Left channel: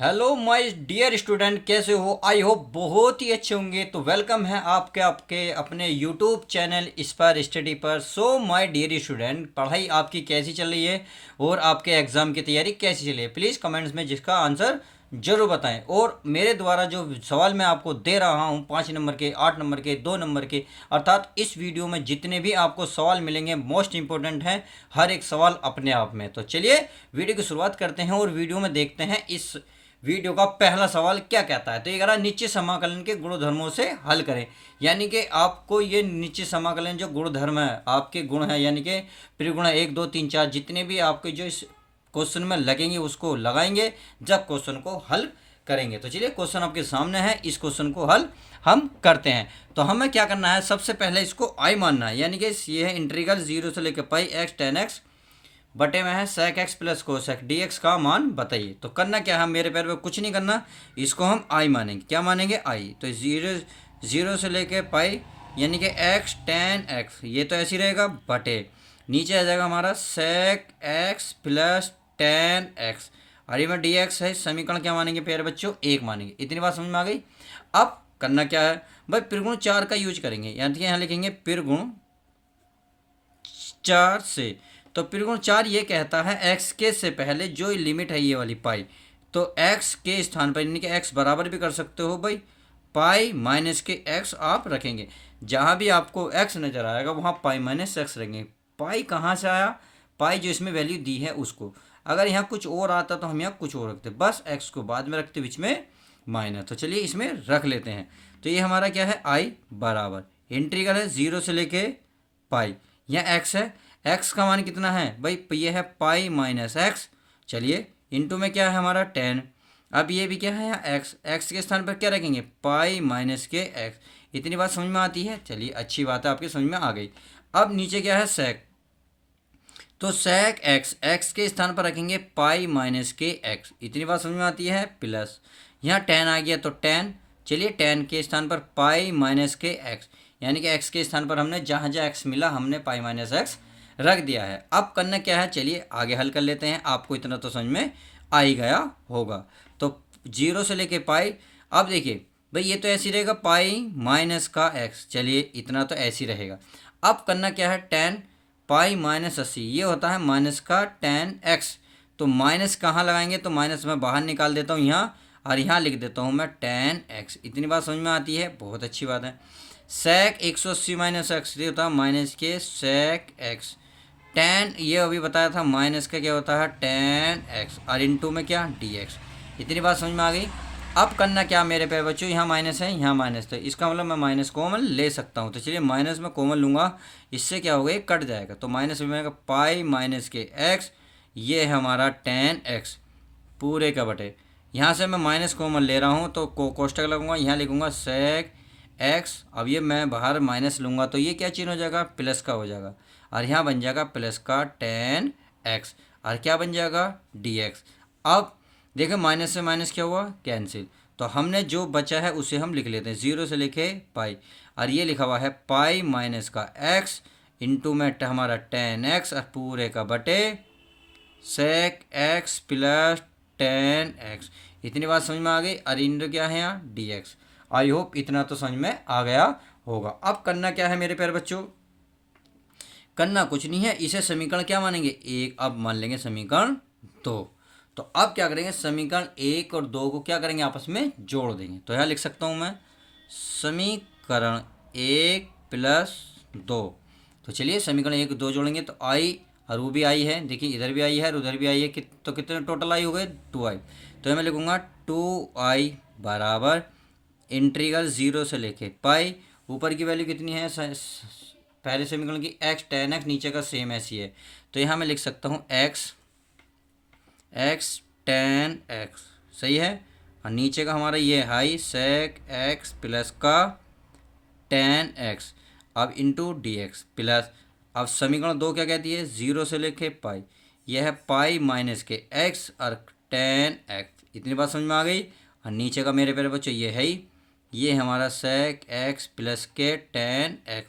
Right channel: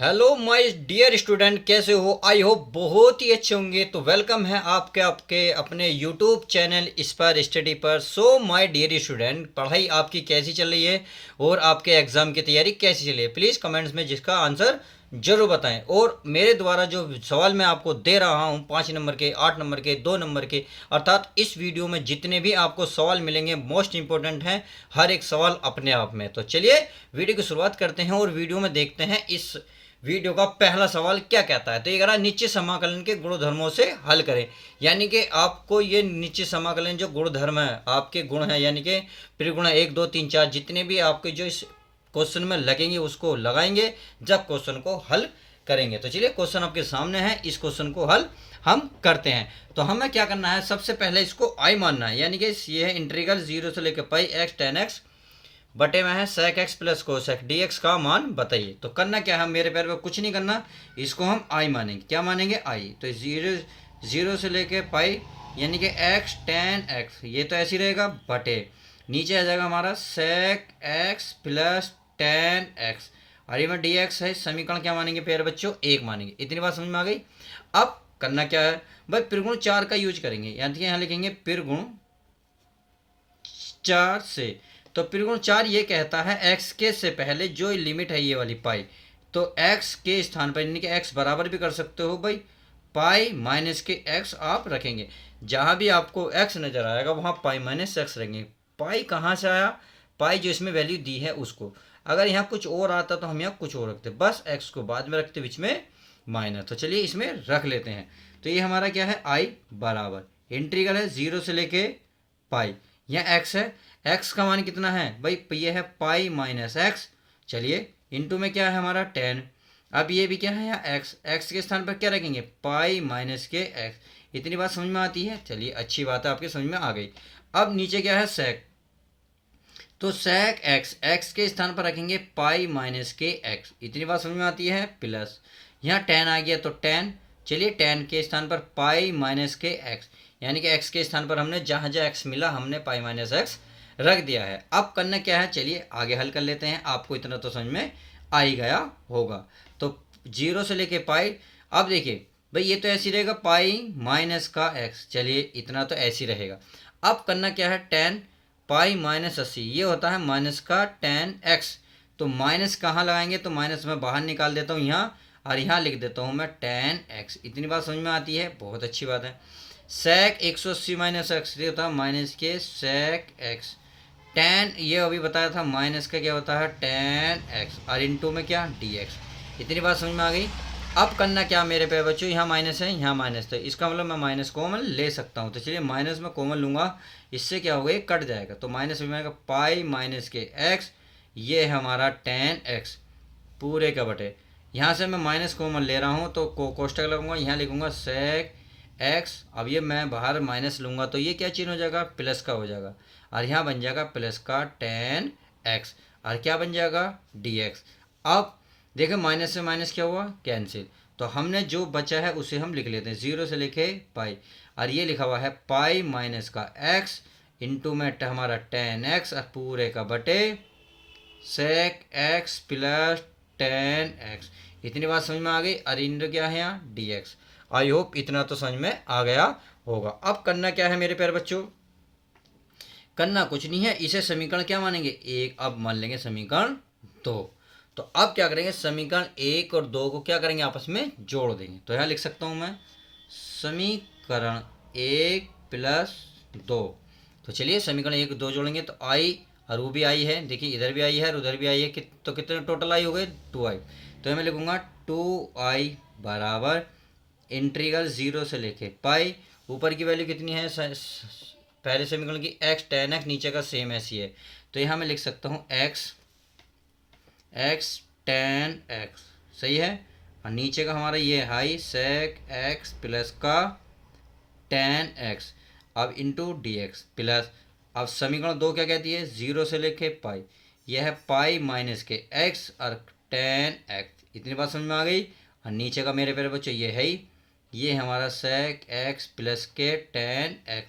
Hello my dear student, कैसे हो? I hope बहुत ही अच्छे होंगे। तो वेलकम है आपके आपके अपने यूट्यूब चैनल इंस्पायर स्टडी पर। सो माय डियर स्टूडेंट, पढ़ाई आपकी कैसी चल रही है और आपके एग्ज़ाम की तैयारी कैसी चल रही है? प्लीज़ कमेंट्स में जिसका आंसर जरूर बताएं। और मेरे द्वारा जो सवाल मैं आपको दे रहा हूं, 5 नंबर के, 8 नंबर के, 2 नंबर के, अर्थात इस वीडियो में जितने भी आपको सवाल मिलेंगे मोस्ट इंपॉर्टेंट हैं, हर एक सवाल अपने आप में। तो चलिए वीडियो की शुरुआत करते हैं और वीडियो में देखते हैं इस वीडियो का पहला सवाल क्या कहता है। तो ये कह रहा है निश्चित समाकलन के गुणधर्मों से हल करें। यानी कि आपको ये निश्चित समाकलन जो गुणधर्म है, आपके गुण है, यानी कि त्रिगुण 1 2 3 4 जितने भी आपके जो इस क्वेश्चन में लगेंगे उसको लगाएंगे जब क्वेश्चन को हल करेंगे। तो चलिए क्वेश्चन आपके सामने है, इस क्वेश्चन को हल हम करते हैं। तो हमें क्या करना है, सबसे पहले इसको आई मानना है। यानी कि ये है इंटीग्रल 0 से लेकर पाई x tan x बटे में है sec x plus cos x dx का मान बताइए। तो करना क्या है, मेरे पैर पे कुछ नहीं करना, इसको हम आई मानेंगे। क्या मानेंगे? आई। तो जीरो से लेके पाई यानी कि x tan x, ये तो ऐसे ही रहेगा, बटे नीचे आ जाएगा हमारा sec x plus tan x, और ये में dx है। समीकरण क्या मानेंगे प्यारे बच्चों? एक मानेंगे। इतनी बात समझ में आ गई। अब करना क्या है भाई, त्रिगुण 4 का यूज करेंगे। यानी कि यहाँ लिखेंगे त्रिगुण 4 से। तो त्रिगुण 4 ये कहता है एक्स के से पहले जो लिमिट है ये वाली पाई, तो एक्स के स्थान पर यानी कि एक्स बराबर भी कर सकते हो भाई, पाई माइनस के एक्स आप रखेंगे। जहाँ भी आपको एक्स नज़र आएगा वहाँ पाई माइनस एक्स रखेंगे। पाई कहाँ से आया? पाई जो इसमें वैल्यू दी है उसको। अगर यहाँ कुछ और आता तो हम यहाँ कुछ और रखते, बस एक्स को बाद में रखते, बीच में माइनस। तो चलिए इसमें रख लेते हैं। तो ये हमारा क्या है, आई बराबर इंटीग्रल है 0 से लेके पाई, यहाँ एक्स है, एक्स का मान कितना है भाई, ये है पाई माइनस एक्स। चलिए इंटू में क्या है हमारा 10। अब ये भी क्या है, यहाँ एक्स, एक्स के स्थान पर क्या रखेंगे, पाई माइनस के एक्स। इतनी बात समझ में आती है? चलिए अच्छी बात है, आपके समझ में आ गई। अब नीचे क्या है, सेक, तो सेक एक्स, एक्स के स्थान पर रखेंगे पाई माइनस के एक्स। इतनी बात समझ में आती है, प्लस यहाँ 10 आ गया तो 10। चलिए 10 के स्थान पर पाई माइनस के एक्स, यानी कि एक्स के स्थान पर हमने जहाँ जहाँ एक्स मिला हमने पाई माइनस एक्स रख दिया है। अब करना क्या है, चलिए आगे हल कर लेते हैं। आपको इतना तो समझ में आ ही गया होगा। तो 0 से लेके पाई, अब देखिए भाई ये तो ऐसी रहेगा पाई माइनस का एक्स, चलिए इतना तो ऐसी रहेगा। अब करना क्या है, 10 पाई माइनस 80, ये होता है माइनस का tan x। तो माइनस कहाँ लगाएंगे, तो माइनस मैं बाहर निकाल देता हूँ यहाँ, और यहाँ लिख देता हूँ मैं tan x। इतनी बात समझ में आती है? बहुत अच्छी बात है। sec 180 माइनस एक्स, ये होता है माइनस के sec x। tan ये अभी बताया था, माइनस का क्या होता है tan x, और इंटू में क्या dx। इतनी बात समझ में आ गई। अब करना क्या मेरे पे बच्चों, यहाँ माइनस है यहाँ माइनस, तो इसका मतलब मैं माइनस कॉमन ले सकता हूँ। तो चलिए माइनस में कॉमन लूँगा, इससे क्या होगा, ये कट जाएगा। तो माइनस में आएगा पाई माइनस के एक्स, ये है हमारा tan x पूरे का बटे। यहाँ से मैं माइनस कॉमन ले रहा हूँ तो कोष्टक लगूंगा, यहाँ लिखूँगा sec x। अब ये मैं बाहर माइनस लूँगा तो ये क्या चिन्ह हो जाएगा, प्लस का हो जाएगा, और यहाँ बन जाएगा प्लस का tan x, और क्या बन जाएगा dx। अब देखिए माइनस से माइनस क्या हुआ, कैंसिल। तो हमने जो बचा है उसे हम लिख लेते हैं 0 से लेके पाई, और ये लिखा हुआ है पाई माइनस का x इंटू में हमारा tan x, और पूरे का बटे sec x plus tan x। इतनी बात समझ में आ गई। और इंटू क्या है यहाँ dx। आई होप इतना तो समझ में आ गया होगा। अब करना क्या है मेरे प्यारे बच्चों, करना कुछ नहीं है, इसे समीकरण क्या मानेंगे, एक। अब मान लेंगे समीकरण 2। तो अब क्या करेंगे, समीकरण 1 और 2 को क्या करेंगे, आपस में जोड़ देंगे। तो यहाँ लिख सकता हूँ मैं समीकरण 1 प्लस 2। तो चलिए समीकरण 1 2 जोड़ेंगे तो आई, और वो भी आई है, देखिए इधर भी आई है और उधर भी आई है, तो कितने टोटल आई हो गए, 2i। तो मैं लिखूँगा 2i बराबर इंटीग्रल 0 से लेके पाई, ऊपर की वैल्यू कितनी है, पहले समीकरण की x tan x, नीचे का सेम ऐसी है। तो यहाँ मैं लिख सकता हूँ x tan x, सही है, और नीचे का हमारा ये हाई sec x प्लस का tan x, अब इंटू dx प्लस। अब समीकरण 2 क्या कहती है, 0 से लेके पाई, यह है पाई माइनस के x और tan x। इतनी बात समझ में आ गई। और नीचे का मेरे प्यारे बच्चों ये है ही, ये हमारा sec x प्लस के tan x,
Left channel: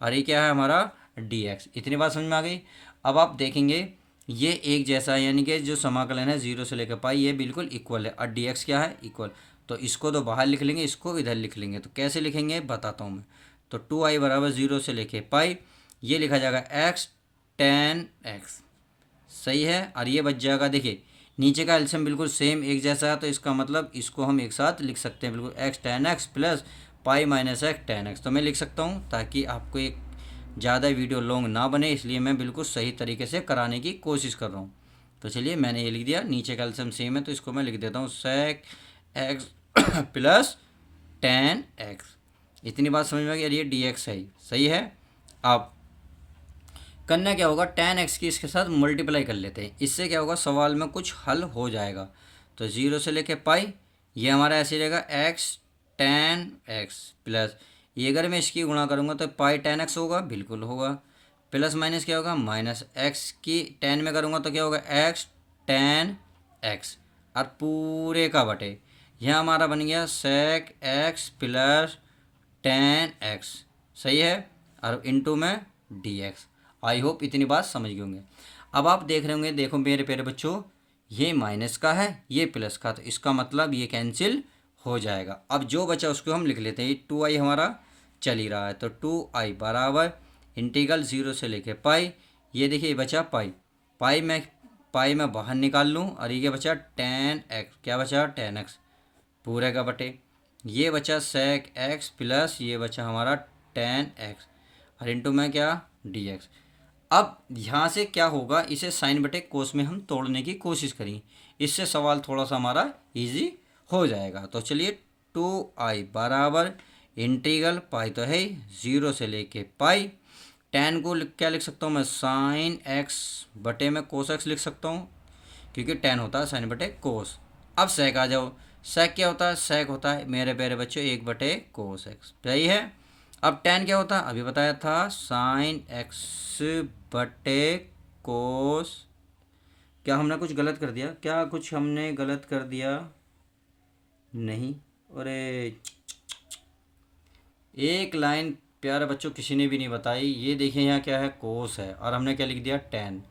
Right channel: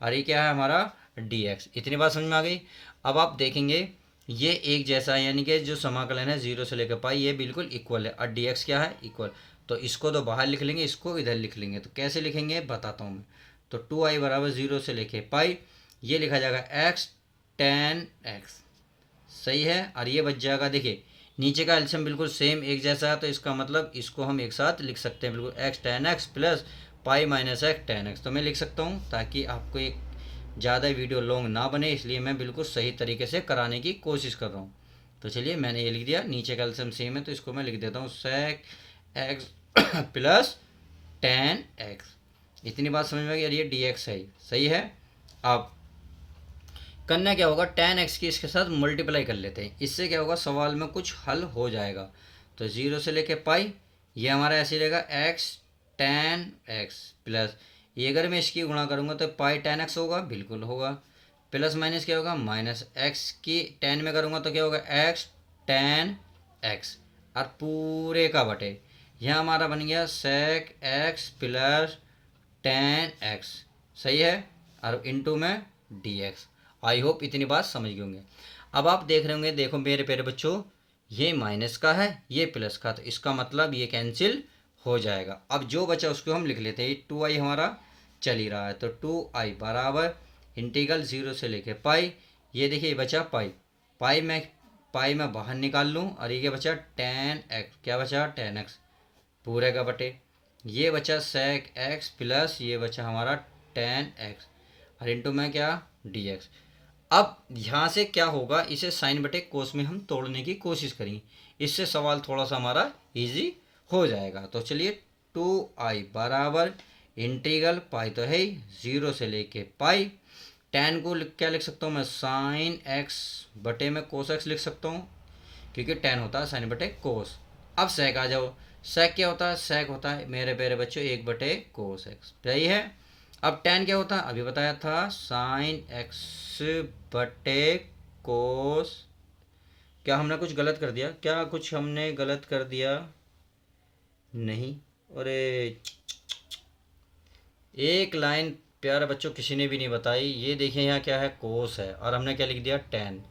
और ये क्या है हमारा dx। इतनी बात समझ में आ गई। अब आप देखेंगे ये एक जैसा है, यानी कि जो समाकलन है जीरो से लेकर पाई ये बिल्कुल इक्वल है, और डी एक्स क्या है, इक्वल। तो इसको तो बाहर लिख लेंगे, इसको इधर लिख लेंगे। तो कैसे लिखेंगे बताता हूँ मैं। तो 2i बराबर जीरो से लेके पाई, ये लिखा जाएगा एक्स टेन एक्स, सही है। और ये बच जाएगा, देखिए नीचे का एल्सियम बिल्कुल सेम एक जैसा है, तो इसका मतलब इसको हम एक साथ लिख सकते हैं बिल्कुल, x ten x plus pi minus x ten x. तो मैं लिख सकता हूँ, ताकि आपको एक ज़्यादा वीडियो लॉन्ग ना बने, इसलिए मैं बिल्कुल सही तरीके से कराने की कोशिश कर रहा हूँ। तो चलिए मैंने ये लिख दिया, नीचे का एल्सियम सेम है तो इसको मैं लिख देता हूँ sec x plus ten x. इतनी बात समझ में आ गई, ये डी एक्स है, सही है। अब करना क्या होगा, टेन एक्स की इसके साथ मल्टीप्लाई कर लेते हैं, इससे क्या होगा सवाल में कुछ हल हो जाएगा। तो जीरो से लेके पाई, ये हमारा ऐसे रहेगा एक्स टेन एक्स प्लस, ये अगर मैं इसकी गुणा करूँगा तो पाई टेन एक्स होगा, बिल्कुल होगा। प्लस माइनस क्या होगा, माइनस एक्स की टेन में करूँगा तो क्या होगा एक्स टेन एक्स, और पूरे का बटे, यह हमारा बन गया sec x plus ten x, सही है। और इनटू में डी एक्स। आई होप इतनी बात समझ गए होंगे। अब आप देख रहे होंगे, देखो मेरे प्यारे बच्चों, ये माइनस का है ये प्लस का, तो इसका मतलब ये कैंसिल हो जाएगा। अब जो बचा उसको हम लिख लेते हैं, ये 2i हमारा चल ही रहा है, तो 2i बराबर इंटीग्रल जीरो से लेके पाई, ये देखिए ये बचा पाई, पाई में बाहर निकाल लूँ, और ये क्या बचा टेन एक्स, क्या बचा टेन एक्स पूरे का बटे, ये बचा सेक एक्स प्लस ये बचा हमारा टेन एक्स, और इंटू में क्या डी एक्स। अब यहाँ से क्या होगा, इसे साइन बटे कोस में हम तोड़ने की कोशिश करेंगे, इससे सवाल थोड़ा सा हमारा इजी हो जाएगा। तो चलिए 2i बराबर इंटीग्रल पाई तो है ज़ीरो से लेके पाई, टेन को क्या लिख सकता हूँ मैं, साइन एक्स बटे में कोस एक्स लिख सकता हूँ, क्योंकि टेन होता है साइन बटे कोस। अब सेक आ जाओ, सेक क्या होता है, सेक होता है मेरे प्यारे बच्चों एक बटे कोस एक्स, सही है। अब टेन क्या होता है, अभी बताया था साइन एक्स बटे कोस, क्या हमने कुछ गलत कर दिया, क्या कुछ हमने गलत कर दिया, नहीं, अरे एक लाइन प्यारे बच्चों किसी ने भी नहीं बताई, ये देखिए यहाँ क्या है कोस है, और हमने क्या लिख दिया टेन,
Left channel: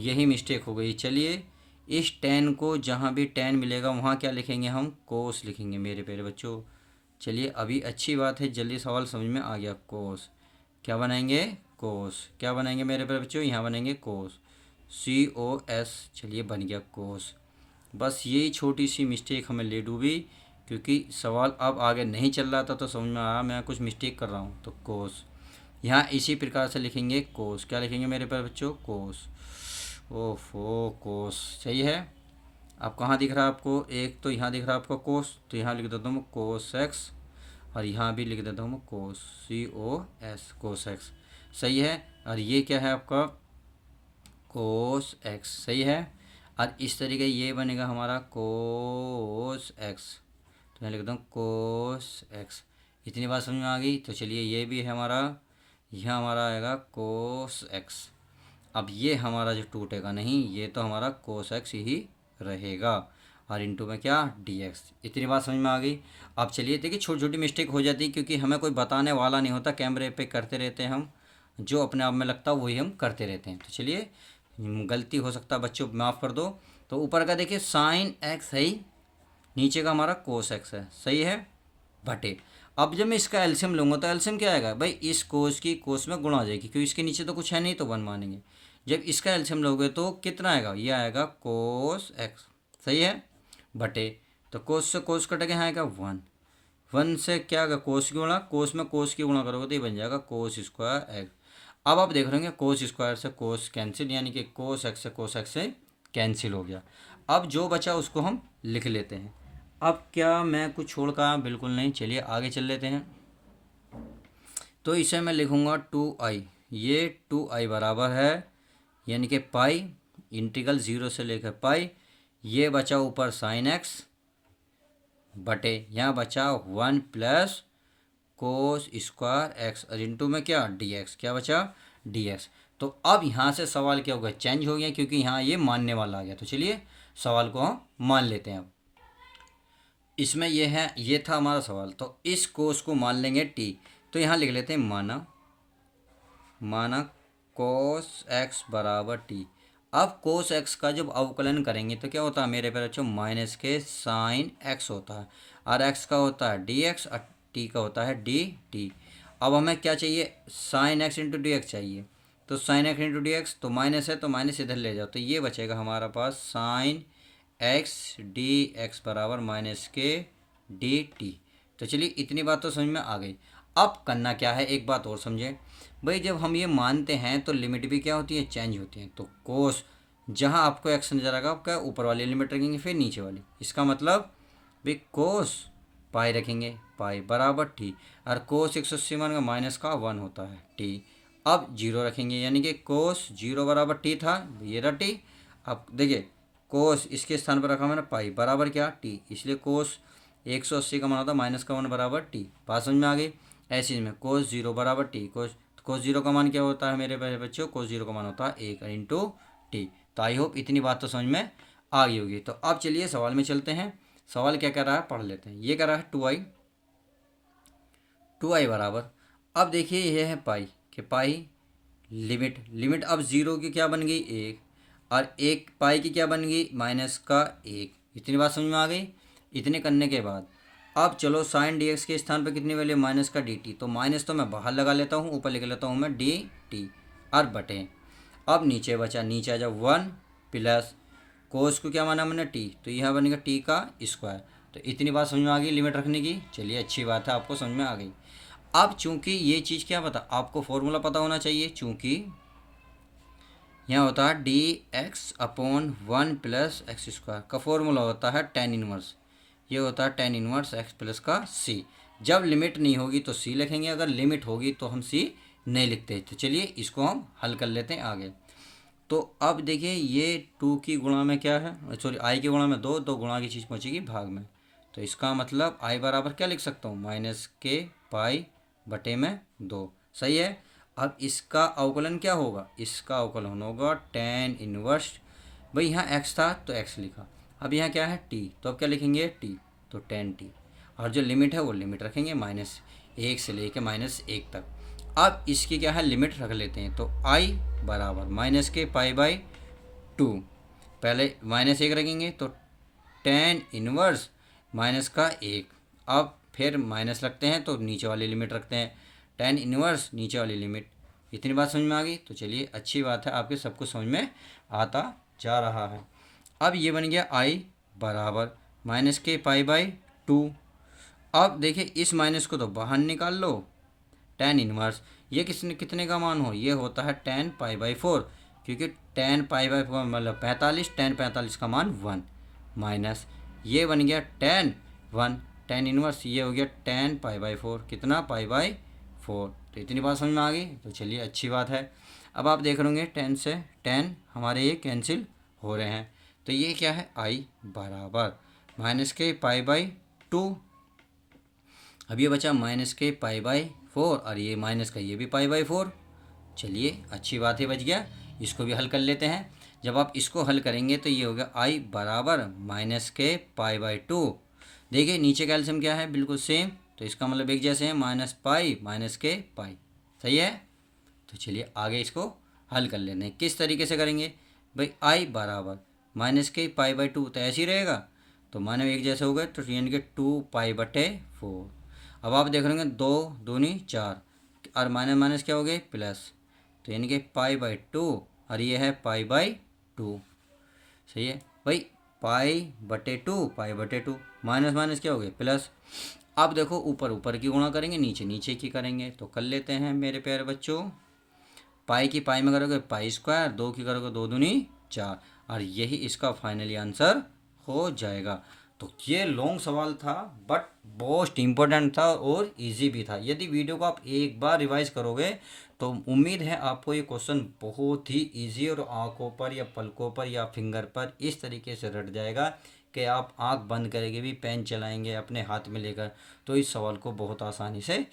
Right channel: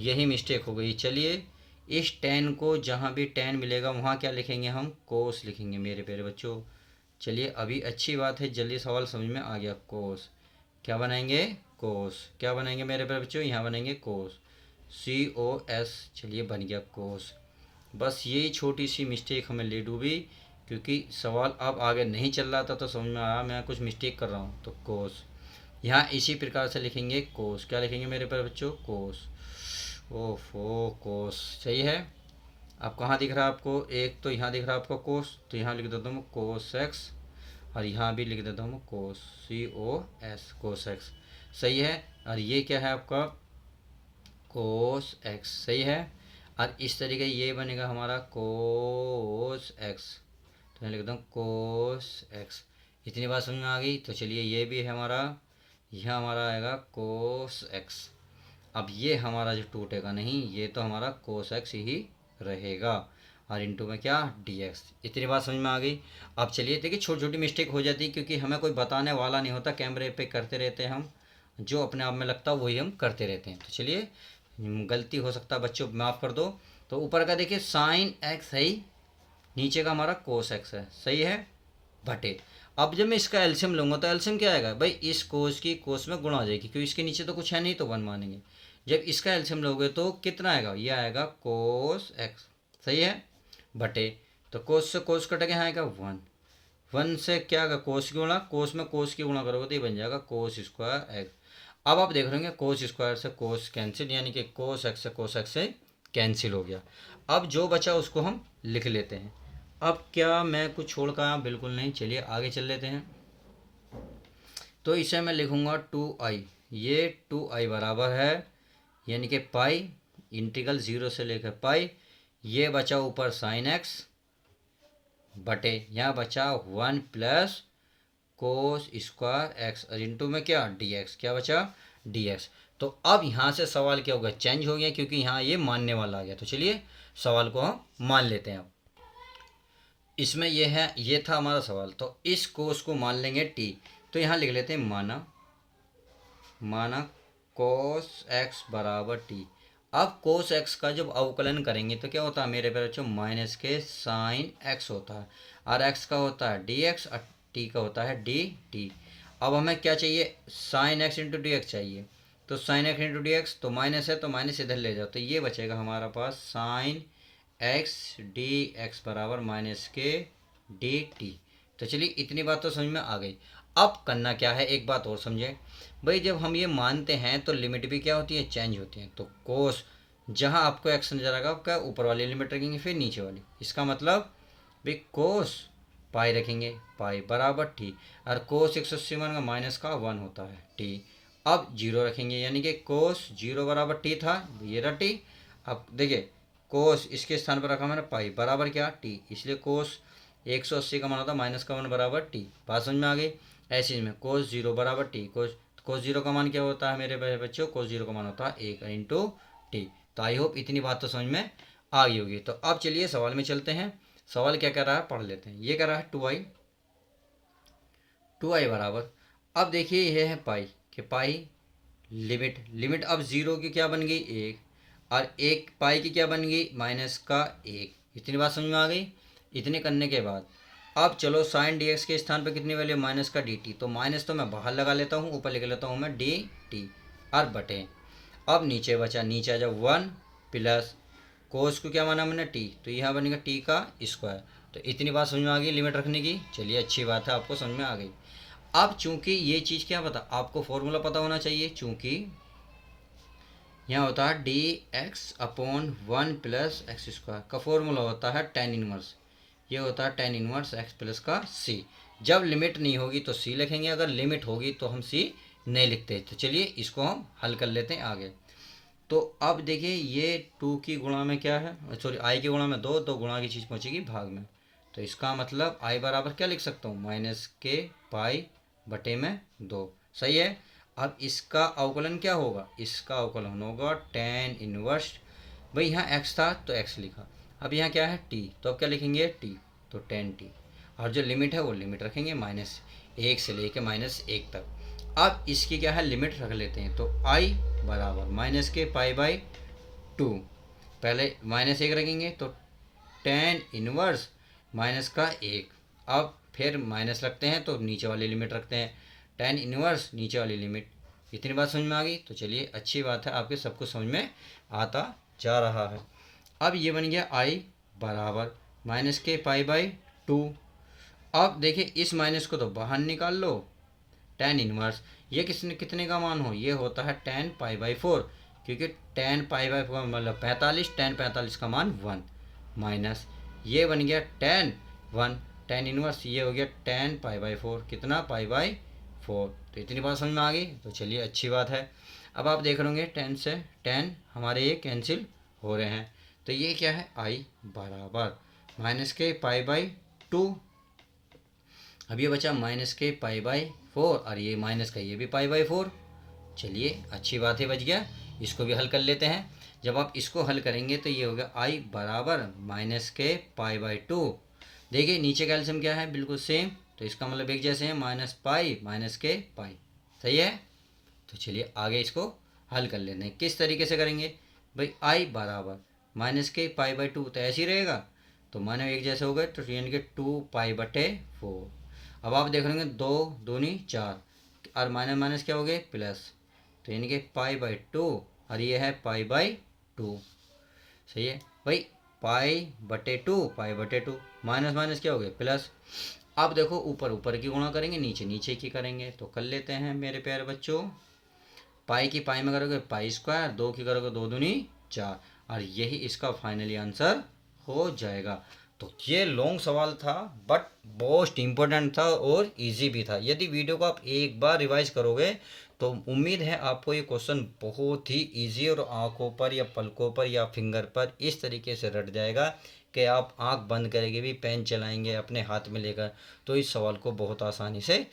यही मिस्टेक हो गई। चलिए इस टेन को जहाँ भी टेन मिलेगा वहाँ क्या लिखेंगे, हम कोस लिखेंगे मेरे प्यारे बच्चों। चलिए अभी अच्छी बात है, जल्दी सवाल समझ में आ गया। कोस क्या बनाएंगे, कोस क्या बनाएंगे मेरे प्यारे बच्चों, यहाँ बनाएंगे कोस, COS, चलिए बन गया कोस। बस यही छोटी सी मिस्टेक हमें ले डूबी, क्योंकि सवाल अब आगे नहीं चल रहा था तो समझ में आया मैं कुछ मिस्टेक कर रहा हूँ। तो कोस यहाँ इसी प्रकार से लिखेंगे, कोस क्या लिखेंगे मेरे प्यारे बच्चों, कोस, ओफो कोस, सही है। अब कहाँ दिख रहा है आपको, एक तो यहाँ दिख रहा है आपको कोस, तो यहाँ लिख देता हूँ कोस एक्स, और यहाँ भी लिख देता हूँ कोस, COS कोस एक्स, सही है। और ये क्या है आपका कोस एक्स, सही है। और इस तरीके ये बनेगा हमारा कोस एक्स, तो यहाँ लिख देता हूँ कोस एक्स। इतनी बात समझ में आ गई। तो चलिए ये भी है हमारा, यह हमारा आएगा कोस एक्स। अब ये हमारा जो टूटेगा नहीं, ये तो हमारा कोस एक्स ही रहेगा, और इंटू में क्या डी एक्स। इतनी बात समझ में आ गई। अब चलिए देखिए छोटी छोटी मिस्टेक हो जाती है, क्योंकि हमें कोई बताने वाला नहीं होता, कैमरे पे करते रहते हैं हम, जो अपने आप में लगता है वही हम करते रहते हैं। तो चलिए गलती हो सकता है बच्चों, माफ़ कर दो। तो ऊपर का देखिए साइन एक्स है ही, नीचे का हमारा कोस एक्स है, सही है, बटे। अब जब मैं इसका एल्शियम लूँगा तो एल्शियम क्या आएगा भाई, इस कोस की कोस में गुणा हो जाएगी, क्योंकि इसके नीचे तो कुछ है नहीं तो वन मानेंगे। जब इसका एल्शियम लोगे तो कितना आएगा, ये आएगा कोस एक्स, सही है, बटे। तो कोस से कोस कटेगा, यहाँ आएगा वन, वन से क्या आएगा कोस की गुणा, कोस में कोस की गुणा करोगे तो ये बन जाएगा कोस स्क्वायर एक्स। अब आप देख रहे होंगे कोस स्क्वायर से कोस कैंसिल, यानी कि कोस एक्स से कोस एक्स से कैंसिल हो गया। अब जो बचा उसको हम लिख लेते हैं। अब क्या मैं कुछ छोड़ का, बिल्कुल नहीं, चलिए आगे चल लेते हैं। तो इसे मैं लिखूँगा 2i, ये 2i बराबर है यानी कि पाई इंटीग्रल ज़ीरो से लेकर पाई, ये बचा ऊपर साइन एक्स बटे यहाँ बचा one plus cos square x, और इंटू में क्या डी एक्स, क्या बचा डी एक्स। तो अब यहाँ से सवाल क्या हो गया, चेंज हो गया, क्योंकि यहाँ ये मानने वाला आ गया। तो चलिए सवाल को हम मान लेते हैं। अब इसमें ये है, ये था हमारा सवाल, तो इस कोस को मान लेंगे टी, तो यहाँ लिख लेते हैं माना, माना कोस एक्स बराबर टी। अब कोस एक्स का जब अवकलन करेंगे तो क्या होता है मेरे प्यारे बच्चों, माइनस के साइन एक्स होता है, और एक्स का होता है डी एक्स और टी का होता है डी टी। अब हमें क्या चाहिए, sine x into D x चाहिए, तो sine x into D x तो माइनस है, तो माइनस इधर ले जाओ, तो ये बचेगा हमारा पास साइन एक्स डी एक्स बराबर माइनस के डी टी। तो चलिए इतनी बात तो समझ में आ गई। अब करना क्या है, एक बात और समझें भाई, जब हम ये मानते हैं तो लिमिट भी क्या होती है, चेंज होती है। तो कोस जहाँ आपको एक्स नजर आएगा आपका ऊपर वाली लिमिट रखेंगे, फिर नीचे वाली, इसका मतलब भाई कोस पाई रखेंगे, पाई बराबर टी, और कोस 180 मान का माइनस का 1 होता है टी। अब जीरो रखेंगे, यानी कि कोस जीरो बराबर टी था, ये रहा टी। अब देखिए कोस इसके स्थान पर रखा मैंने पाई बराबर क्या टी, इसलिए कोस 180 का मान होता है माइनस का 1 बराबर टी। बात समझ में आ गई। ऐसे में कोस जीरो बराबर टी, कोस जीरो का मान क्या होता है मेरे प्यारे बच्चों, कोस जीरो का मान होता है 1 इंटू टी। तो आई होप इतनी बात तो समझ में आ गई होगी। तो अब चलिए सवाल में चलते हैं। सवाल क्या कर रहा है पढ़ लेते हैं। ये कर रहा है 2i बराबर, अब देखिए यह है पाई कि पाई लिमिट अब जीरो की क्या बन गई 1, और एक पाई की क्या बन गई माइनस का 1। इतनी बात समझ में आ गई। इतने करने के बाद अब चलो साइन डी एक्स के स्थान पर कितनी वैल्यू, माइनस का डी टी, तो माइनस तो मैं बाहर लगा लेता हूँ, ऊपर लिख लेता हूँ मैं डी टी और बटे। अब नीचे बचा, नीचे आ जाओ 1 प्लस कोस को क्या माना मैंने टी, तो यहाँ बनेगा टी का स्क्वायर। तो इतनी बात समझ में आ गई लिमिट रखने की। चलिए अच्छी बात है, आपको समझ में आ गई। अब चूंकि ये चीज़ क्या पता, आपको फॉर्मूला पता होना चाहिए, चूंकि यहाँ होता है D x upon 1 plus x square का फॉर्मूला होता है टेन इनवर्स, ये होता है टेन इनवर्स एक्स प्लस का सी। जब लिमिट नहीं होगी तो सी लिखेंगे, अगर लिमिट होगी तो हम सी नहीं लिखते। तो चलिए इसको हम हल कर लेते हैं आगे। तो अब देखिए ये 2 की गुणा में क्या है, सॉरी आई की गुणा में 2, तो गुणा की चीज़ पहुँचेगी भाग में। तो इसका मतलब आई बराबर क्या लिख सकता हूँ, माइनस के पाई बटे में 2। सही है। अब इसका अवकलन क्या होगा, इसका अवकलन होगा टेन इनवर्स, भाई यहाँ एक्स था तो एक्स लिखा, अब यहाँ क्या है टी, तो अब क्या लिखेंगे टी, तो टेन टी, और जो लिमिट है वो लिमिट रखेंगे माइनस 1 से लेके माइनस 1 तक। अब इसकी क्या है लिमिट रख लेते हैं, तो आई बराबर माइनस के पाई बाई 2, पहले माइनस 1 रखेंगे तो टेन इनवर्स माइनस का 1, अब फिर माइनस रखते हैं तो नीचे वाली लिमिट रखते हैं, टेन इनवर्स नीचे वाली लिमिट। इतनी बात समझ में आ गई। तो चलिए अच्छी बात है, आपके सब कुछ समझ में आता जा रहा है। अब ये बन गया आई बराबर माइनस के पाई बाई 2। अब देखिए इस माइनस को तो बाहर निकाल लो, टेन इनवर्स ये कितने का मान हो, ये होता है टेन पाई बाई 4, क्योंकि टेन पाई बाई 4 मतलब 45, टेन 45 का मान 1, माइनस ये बन गया टेन 1, टेन इनवर्स ये हो गया टेन पाई बाई 4, कितना पाई बाई 4। तो इतनी बात समझ में आ गई। तो चलिए अच्छी बात है। अब आप देख रहे टेन से टेन हमारे ये कैंसिल हो रहे हैं, तो ये क्या है आई बराबर माइनस के पाई बाई 2। अब ये बचा माइनस के पाई बाई 4, और ये माइनस का ये भी पाई बाई 4। चलिए अच्छी बात है, बच गया। इसको भी हल कर लेते हैं। जब आप इसको हल करेंगे तो ये हो गया आई बराबर माइनस के पाई बाई 2। देखिए नीचे का एल्सियम क्या है, बिल्कुल सेम, तो इसका मतलब एक जैसे है, माइनस पाई माइनस के पाई। सही है। तो चलिए आगे इसको हल कर लेते हैं। किस तरीके से करेंगे भाई, आई बराबर माइनस के पाई बाई 2 तो ऐसे ही रहेगा, तो माने एक जैसे हो गए, तो यानी कि 2 पाई बटे 4। अब आप देख रहे हैं 2 दूनी 4, और माइनस माइनस क्या हो गए प्लस, तो यानी कि पाई बाई 2, और ये है पाई बाई 2। सही है भाई, पाई बटे 2, पाई बटे 2, माइनस माइनस क्या हो गए प्लस। अब देखो ऊपर ऊपर की गुणा करेंगे, नीचे नीचे की करेंगे, तो कर लेते हैं मेरे प्यारे बच्चों। पाई की पाई में करोगे पाई स्क्वायर, 2 की करोगे 2 दूनी 4, और यही इसका फाइनली आंसर हो जाएगा। तो ये लॉन्ग सवाल था, बट मोस्ट इम्पोर्टेंट था और इजी भी था। यदि वीडियो को आप एक बार रिवाइज करोगे तो उम्मीद है आपको ये क्वेश्चन बहुत ही इजी और आंखों पर या पलकों पर या फिंगर पर इस तरीके से रट जाएगा कि आप आंख बंद करके भी पेन चलाएंगे अपने हाथ में लेकर, तो इस सवाल को बहुत आसानी से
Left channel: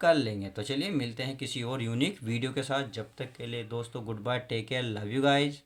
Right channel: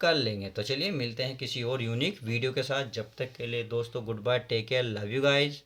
कर लेंगे। तो चलिए मिलते हैं किसी और यूनिक वीडियो के साथ। जब तक के लिए दोस्तों good bye, take care, love you guys.